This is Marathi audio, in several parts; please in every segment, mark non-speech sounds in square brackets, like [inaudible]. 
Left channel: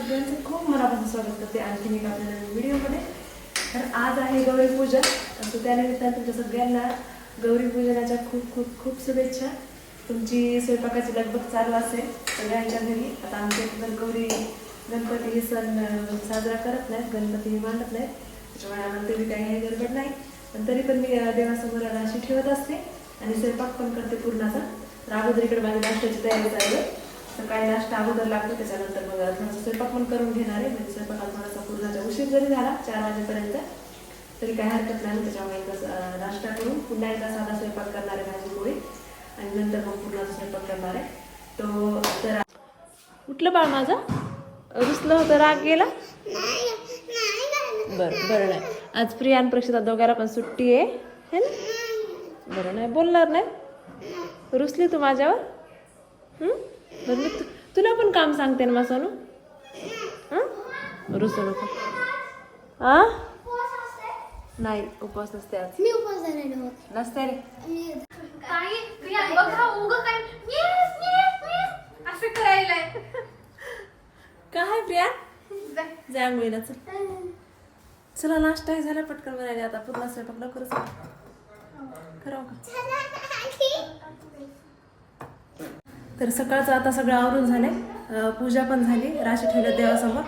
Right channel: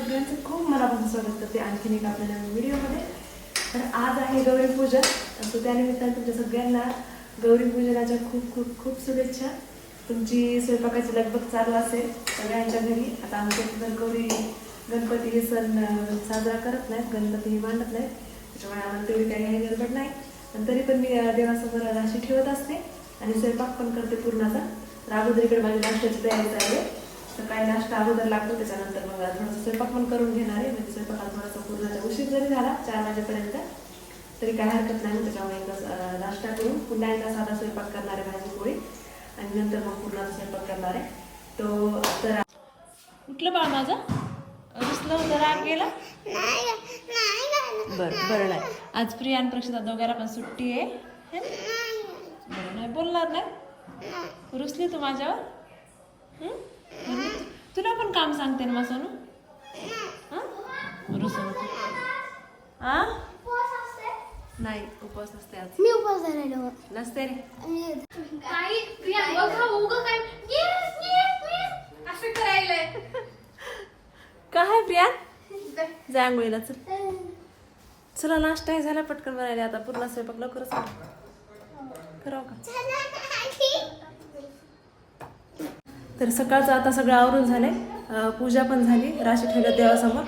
सगळ्यांचं खूप मनापासून स्वागत करते आणखीन एक आपल्या नवीन व्हिडिओमध्ये. तर आज आहे गौरी पूजन. तर तो त्यानिमित्ताने तुमच्या सगळ्यांना गौरी पूजनाच्या खूप खूप खूप शुभेच्छा. तुमची स्वयंपाकाची लगबग चालू असेल सगळ्यांच्या घरी. आता आमच्या इथे गौरी गणपती हे सण साजरा करत नाहीत गणपती हे मांडत नाहीत. त्याच्यामुळे आम्हाला तेवढी काही काही गडबड नाही. पण तरी पण मी देवासमोर राशी ठेवत असते. आणि स्वयंपाक पण करते पूर्णाचा तर अगोदर इकडे माझ्या नाश्त्याची तयारी चालू आहे. सकाळी नाश्ता अगोदर लागतो त्याच्यानंतर मग थोडासा स्वयंपाक पण करून घेणार आहे. म्हणजे स्वयंपाकाला थोडासा पूर्णाचा उशीर जरी झाला चार वाजेपर्यंत तरी काय हरकत नाही. त्याच्यामुळे एकदा नाश्ता करून पुन्हा एकदा साधा स्वयंपाक करणार आहे भाजी पोळी. आणि नंतर मग पूर्णाचा स्वयंपाक करणार आहे. तो तर उठलं बाळ माझं? रुसलं होतं राग गेला? बरं बरं नाही. आज प्रिया आणि प्रक्षिता दोघांना पण सुट्टी आहे? बरं नाही बोलणार नाही? रुसली तू माझ्यावर? हं? तुला पण काम सांगते ना मा सोनू? हं? रुसू नको आ? नाही उपवास नसते आज. मी उपवास नसते रे. काही प्रिया बघा उगं काय असं करायलाय. काय प्रिया? जा. आंघोळीला चल. चला नाश्ता हे झाला पटकन बनायला आता. पूर्ण स्वयंपाक लवकरच कर. करावं का? तर सकाळचं आता सगळं आवरून झालंय. अं, पूजा पण झाली राशी ठेवल्या देवासमोर.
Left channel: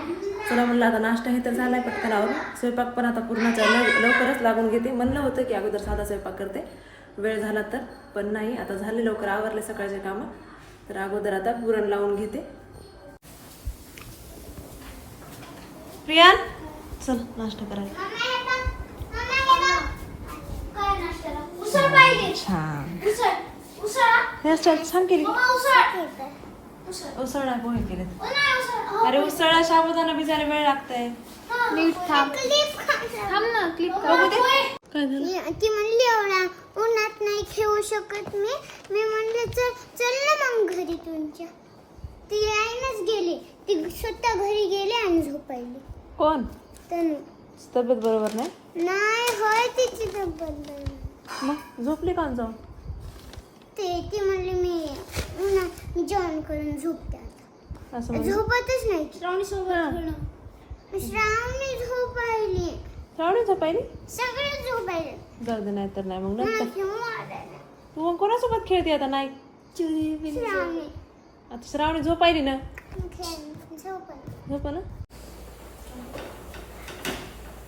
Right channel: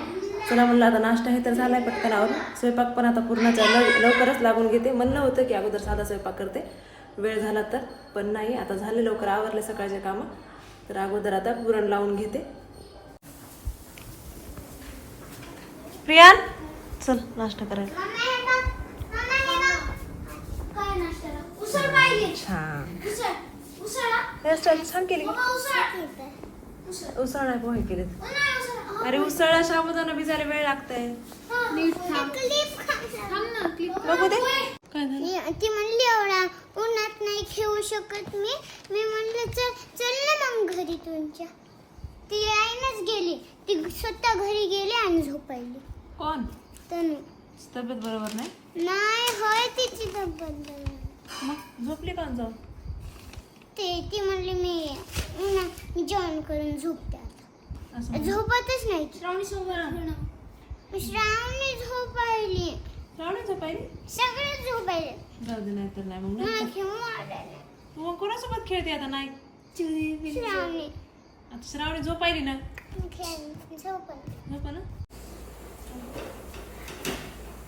चला म्हणलं आता नाश्ता हे तर झालाय पटकन आवरून. स्वयंपाक पण आता पूर्णाचा लव लवकरच लागून घेते. म्हणलं होतं की अगोदर साधा स्वयंपाक करते. वेळ झाला तर पण नाही आता झाले लवकर आवरले सकाळचे कामं. तर अगोदर आता पुरण लावून घेते. प्रियान चल नाश्ता करायला. उसळ. उसळ उसळ. हेअरस्टाईल छान केली उसळ उसळ पोहे केले नाही उसळ. अरे उसळला साबुदाणा भिजायला वेळ लागतंय. नीट थांब. क्लिप थांब ना क्लिप बघू दे काय झालं? ती म्हणली एवढा उन्हात नाही खेळू शकत मी. मी म्हणलं चल चल ना मग घरी तुमच्या. ती यायनच गेली. ती स्वतः घरी गेली आणि झोपायली. कोण? तनु. तब्येत बरोबर नाही? नाही होय तिची तब्येत मग झोपली का जाऊन? ते ती म्हणली मी उन्हा मी जेवण करून झोपते आता. झोपतच नाही. श्रावणी सोबत श्रावणी झोपायली. श्रावणी झोपायली? सगळे झोपायले. गर्दी नाही तर नाही मग तू मग कोणासोबत खेळते आता? नाही. श्रावणी आता श्रावणी झोपायली ना? झोपा ना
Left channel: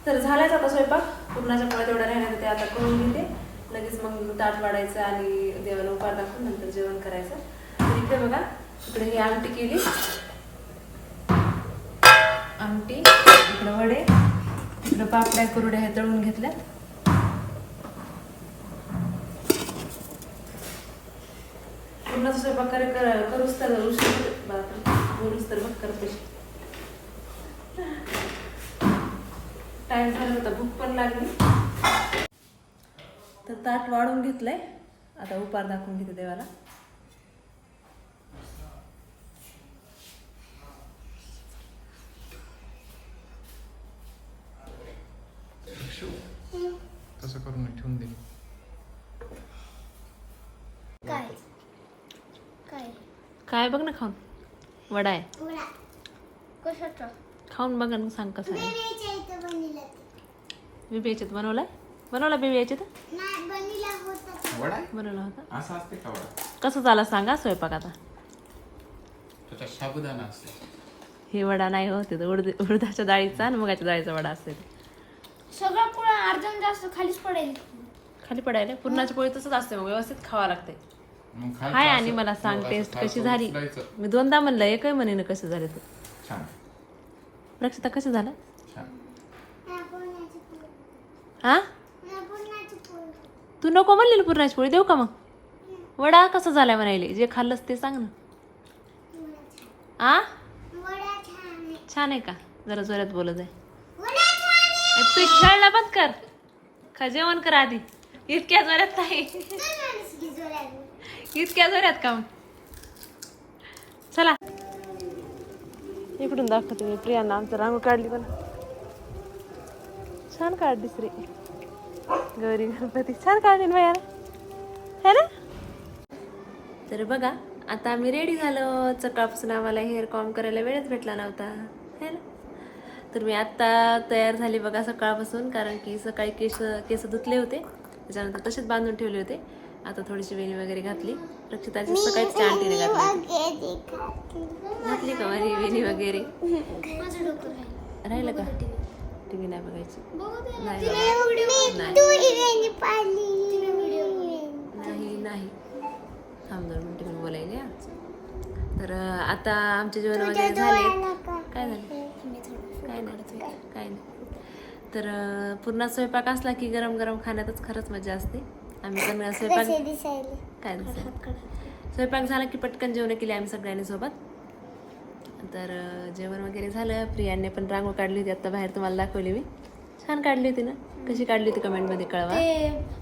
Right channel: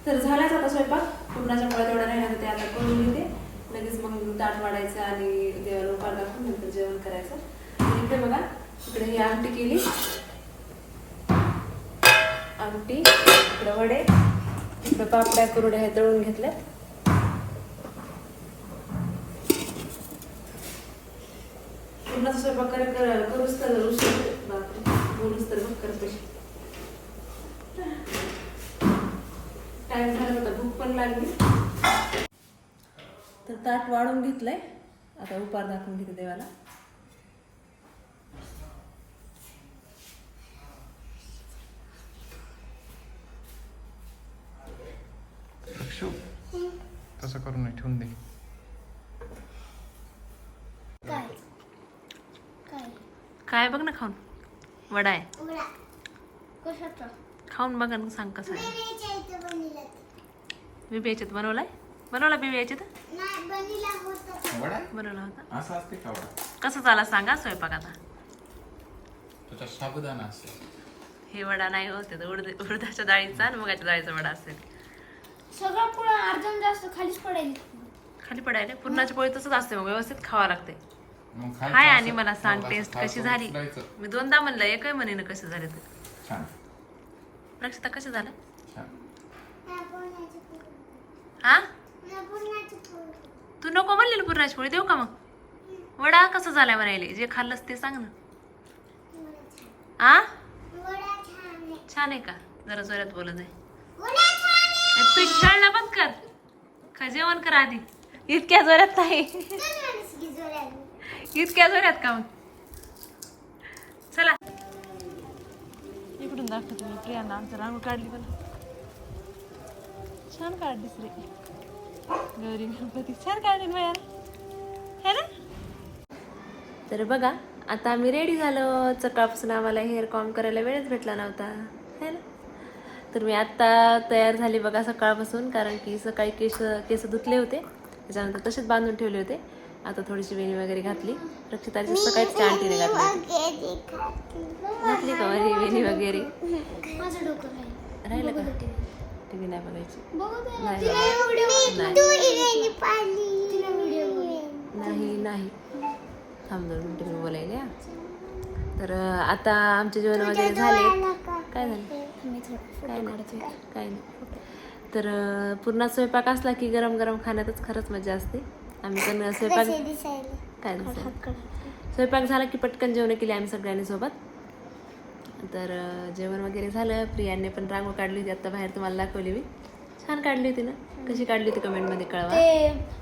तर झालाच आता स्वयंपाक. पूर्णाच्या पोळ्या तेवढ्या राहिल्या ते आता करून घेते. लगेच मग ताट वाढायचं आणि देवाला उपार दाखवून नंतर जेवण करायचं. तर इकडे बघा इकडे ही आमटी केली. आमटी इकडे वडे इकडे पापड्या कुरड्या हे तळून घेतल्या पूर्ण स्वयंपाक करे कर- करूच तर उशीर बापरे बोलूच तर मग करते. टाइम झाला होता भूक पण लागली. तर ताट वाढून घेतलंय. आता उपार दाखवून घेते देवाला. तसं करू नये ठेवून दे. काय? काय? काय बघ ना खाऊन. वडा आहे. कशाचं? खाऊन बघा ना सांग कसं आहे. बिबी याच्यात बनवलाय? बनवला बिबी याच्यात वडा बनवला होता. असा असते का वडा? कसं झाला सांगा स्वयंपाक आता? त्याचा साबुदाणा असते. हे वडा नाही होते उडद उडदाच्या डाळीचा आणि मुगाच्या डाळीचा वडा असेल सगळं पुढं अर्जन जास्त खालीच पडेल. खाली पडायला? पूर्णाची पोळी तसंच असते मग व्यवस्थित खावा लागते. मग खालचं हाय असं- आणि मला सांग असं टेस्ट खालचं कशी झाली? उचलायचं. मी दोनदा म्हणलं एकही म्हणे कसं झाले ते छान. रक्षिता कसं झालं? छान. हा? तू नको म्हणलेली पुरणाची पोळी देऊ का मग? वडा कसा झालाय म्हणायले? जे खाल्लंस ते सांग ना. आ? छान आहे का? जरा जोरात बोलत आहे. ए, पीठ खेळला बंद कर. खा जेवण कर आधी. इतक्या जोरात नाही. इतक्या जोरात का मग? चला. इकडून दाखवते मी प्रियांना. आमचं रांगोळ काढली पण. छान काढलीस रे गौरी गणपती. छान काढली ना बाया है ना? तर बघा आता आम्ही रेडी झालो. सकाळपासून आम्हाला हेअर कॉम करायला वेळच भेटला नव्हता. है ना? तर मी आत्ता तयार झाली बघा सकाळपासून कारण की सकाळी केस केस धुतले होते. त्याच्यानंतर तसेच बांधून ठेवले होते. आता थोडीशी वेणी वगैरे घातली. रक्षिताची सकाळीच त्या आंटीने घातली? घातली का वेणी वगैरे? राहिलं. का? टी व्ही नाही बघायची. बघू नाही. बाबा नाही. नाही. थांब दोन मिनटं मी बोलायला. तर आता आमचे जेवण वगैरे झाले काय झालं? काय नाही काय नाही. तर पूर्ण स्वयंपाक असला की गरम गरम खाण्यातच खरंच मजा असते. आम्ही पण स्वयंपाक काय दिसायला? स्वयंपाक झाला की पटकन जेवण केली आम्ही सगळ्यांनी सोबत. तर जेवण वगैरे झालं. प्रियाने पण रांगोळ काढली होती. आता बाहेर तुम्हाला दाखवली मी. छान काढली होती ना? कशी काढली होती कमेंटमध्ये कळवा.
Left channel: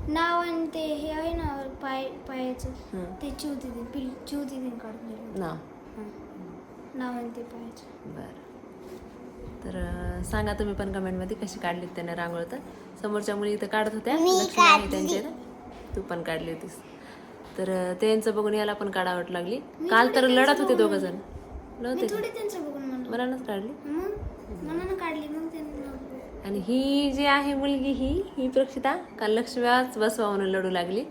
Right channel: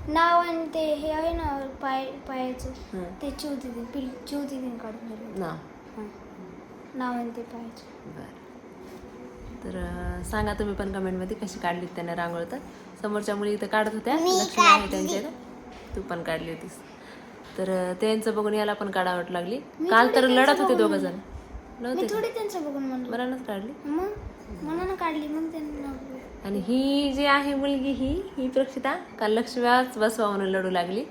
नाव आणि ते हे आहे ना पाय पायाचं. ते चिवती दिन पिल चिवती दिन काढून दिलं नाव. नाव आणि ते पायाचं. बरं. तर सांगा तुम्ही पण कमेंटमध्ये कशी काढली त्याने रांगोळ तर. समोरच्या मुली इथं काढत होत्या. लक्ष्मी आहे त्यांच्या इथं. तू पण काढली होतीस. तर त्यांचं बघून याला पण काढावट लागली. काल तर लढत होते दोघ जण. मी नव्हते थोडी त्यांचं बघून म्हणलं मनानच काढली? मग? मनानं काढली मग त्यांनी आणि ही जी आहे मुलगी ही ही प्रक्षिता काल लक्ष्म्याच बसवा म्हणून लढू लागली.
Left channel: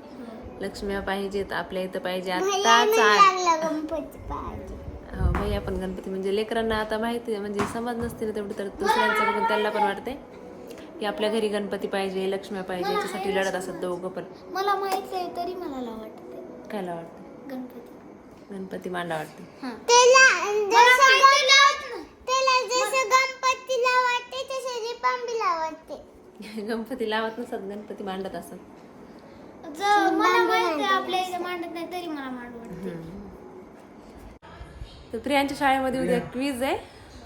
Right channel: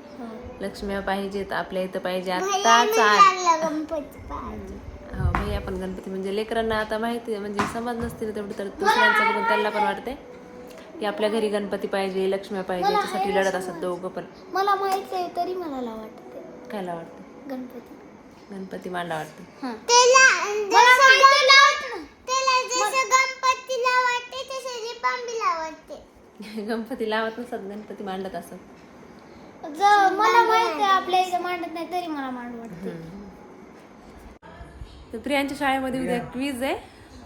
लक्ष्म्या पाहिजेत आपल्या इथं पाहिजे. आत्ताच आज हो भाई आपण गणपती म्हणजे लेकरांना आता माहिती आहे म्हणजे समज नसते ना तेवढी तर दुसऱ्यांचं बघून त्यांना पण वाटते की आपल्या घरी गणपती पाहिजे लक्ष्म्या पाहिजे याच्यासाठी लढत असतात दोघं पण. मला माहीत आहे तरी मला वाटते कायला वाटते गणपती. गणपती वाटते रिपांबीला वाटते [laughs] गणपती लावत नसतात गणपती मांडत असतात मला माहीत आहे आपल्या इथे मांडत नाही तरी मला मांड वाटते. तर प्रियांच्या शाळेमध्ये उद्या क्वीज आहे.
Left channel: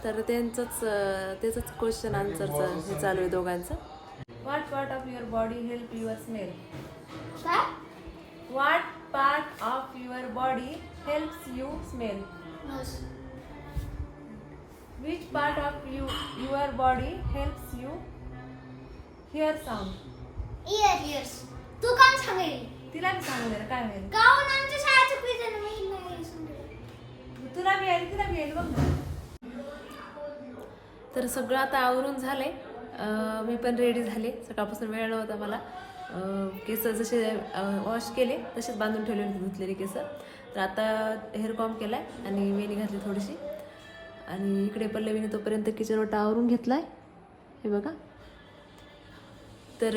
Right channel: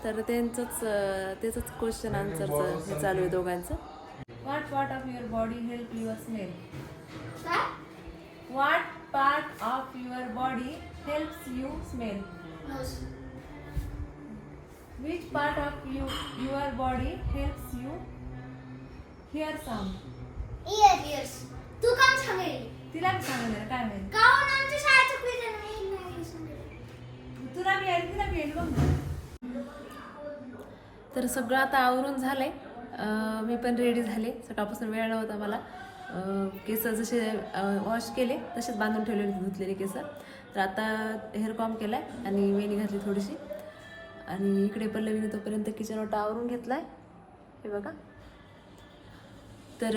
तर त्यांचंच अं, त्याचंच क्वेश्चन आन्सरचं हे चालू आहे दोघांचं. What part of your body help your smell what part of your body helps you smell which part of you your body helps you hear sound ear ears तू काम सांगेल. तिला मी सांगणार काय माहिती? गाऊन आमच्या शाळेचं नाही नाही सांगेल. तुला मी तिला मी बघ ना तर सगळं आता आवरून झालंय. अं, मी पण रेडी झाले. सकाळपासून वेळ नव्हता मला. केस जसे वॉश केले तसेच बांधून ठेवले धुतलेले केस तर आता हेअर कॉम आहे आणि वेणी घातली थोडीशी. आणि इकडे पल्लवीने तोपर्यंत किचन वाटा आवरून आहे हे बघा. तर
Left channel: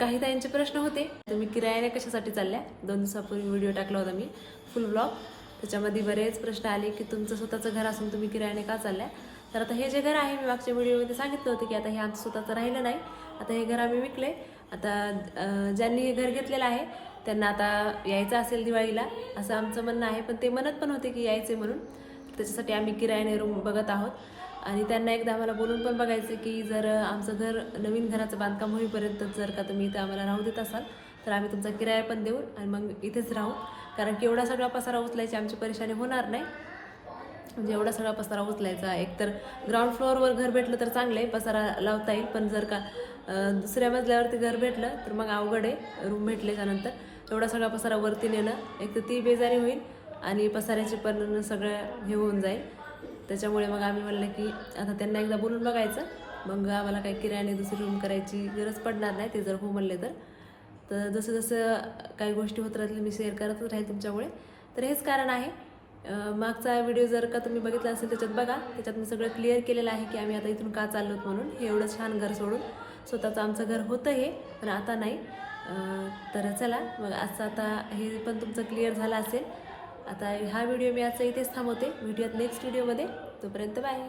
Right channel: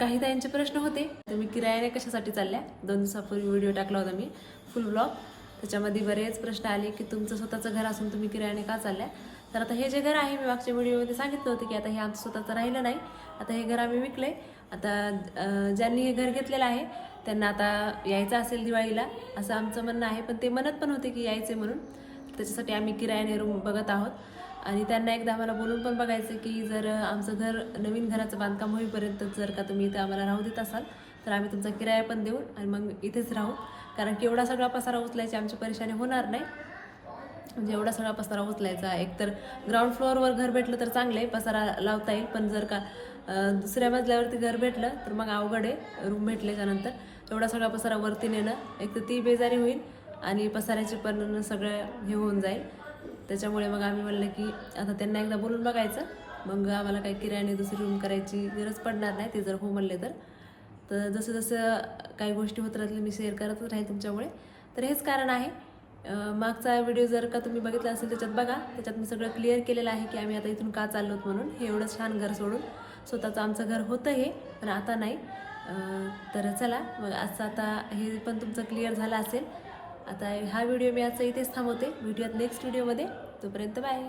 काही ताईंचे प्रश्न होते. तर मी किरायाने कशासाठी चालल्या? दोन दिवसापूर्वी व्हिडिओ टाकला होता मी फुल ब्लॉग त्याच्यामध्ये बरेच प्रश्न आले की तुमचं स्वतःचं घर असून तुम्ही किरायाने का चालल्या? तर आता हे जे घर आहे मी मागच्या व्हिडिओमध्ये सांगितलं होतं की आता हे आमचं स्वतःचं राहिलं नाही. आता हे घर आम्ही विकलं आहे आता ज्यांनी हे घर घेतलेलं आहे त्यांना आता यायचं असेल दिवाळीला असं आमचं म्हणणं आहे. पण ते म्हणत पण होते की यायचे म्हणून. त्याच्यासाठी आम्ही किरायाने रूम बघत आहोत. आणि त्यांना एकदा आम्हाला बोलून पण बघायचं की जर आमचं घर नवीन घराचं बांधकाम होईपर्यंत जर का तुम्ही इथं आम्हाला राहू देत असाल तर आम्ही तुमचा किराया पण देऊ आणि मग इथेच राहू. कारण की एवढा सगळा पसारा उचलायची आमची परेशानी होणार नाही. म्हणजे एवढा सगळा पसारा उचलायचा. एकतर ग्राउंड फ्लोअरवर घर भेटलं तर चांगलं आहे पसारा लावता येईल. पण जर का दुसऱ्या मजल्यावरती घर भेटलं तर मग अवघड आहे. रूम भेटल्याच्यानंतर एवढा सगळा पसारा वरती नेणं. एक तर ती बेजारी होईल आणि पसाऱ्याची पण सगळं हे होऊन जाईल. त्याच्यामुळे मग आम्ही म्हणलं की आता त्यांना एकदा बोलून बघायचं. मग आम्हाला काही किरायाने दुसरी रूम करायची गरज पडणार नाही ते जर हो म्हणले तर. तर जसं जसं काही गोष्टी होत राहतील मी शेअर करतच राहील तुमच्यामुळे. तर हेच कारण आहे. मागचा व्हिडिओ जर का तुम्ही बघितला असेल त्याच्यात बघा. त्याच्यात मी सगळं क्लिअर केलेलं आहे की आम्ही आता इथून का चाललो आहोत म्हणून. हे एवढं छान घर सोडून. स्वतःचं आमचं घर होतं हे पण आता नाही. तर चला मग आजचं आता हे पण तुमचं क्लिअर झालं असेल. आता हा व्हिडिओ मी आजचा इथेच थांबवते. व्हिडिओत नेक्स्ट व्हिडिओमध्ये तोपर्यंत बाय